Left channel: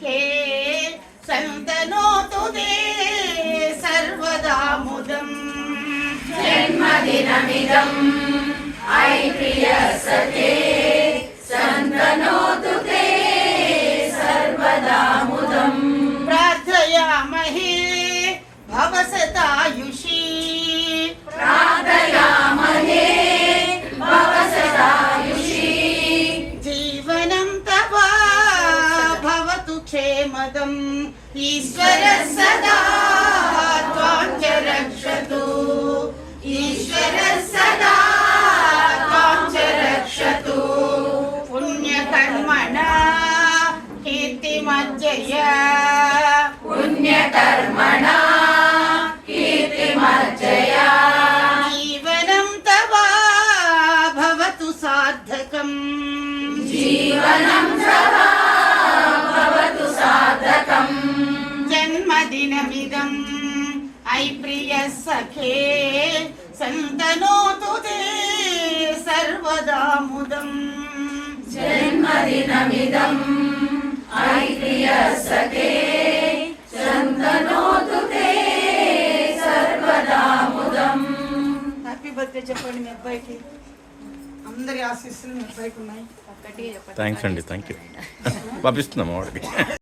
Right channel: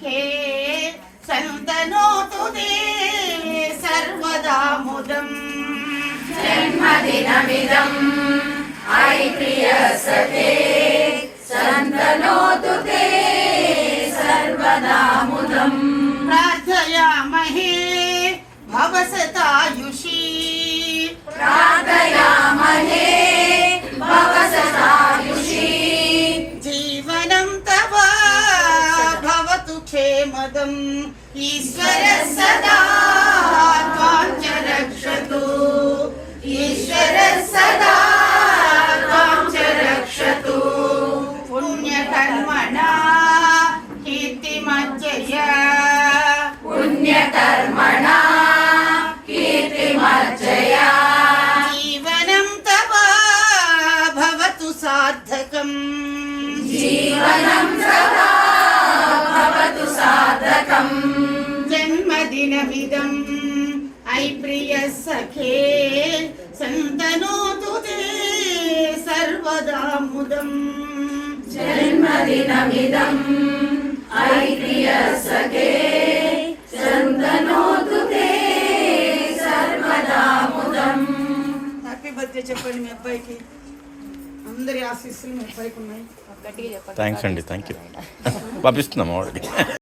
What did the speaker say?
सखे सन्तनोतु ते सर्वदा मुदम् जन्मदिनमिदम् ऐ प्रिय सखे सन्तनोतु ते सर्वदा मुदम् प्रार्थयामहे भवसतायुषी प्रार्थयामहे भवसतायुषी जीवनं तव भवतु क्षेमदम् ईश्वर सदा त्वां च रक्षतु ईश्वर सदा त्वां च रक्षतु पुण्यकर्मणा कीर्तिमज्जया पुण्यकर्मणा कीर्तिमर्जया जीवनं तव भवतु सार्थकम् जीवनं सदा भवतु सार्थकम् जन्मदिनमिदम् ऐ प्रिय सखे सन्तनोतु ते सर्वदा मुदम् जन्मदिनमिदम् ऐ प्रिय सखे सन्तनोतु ते सर्वदा मुदम् హ్యాపీ బర్త్డే చెప్పండి మీ అబ్బాయికి అందరి ఆశీస్సులు మీ అబ్బాయికి ఉన్నాయి థ్యాంక్స్ అండి, థ్యాంక్ యూ పంపిస్తున్నాము వాడికి.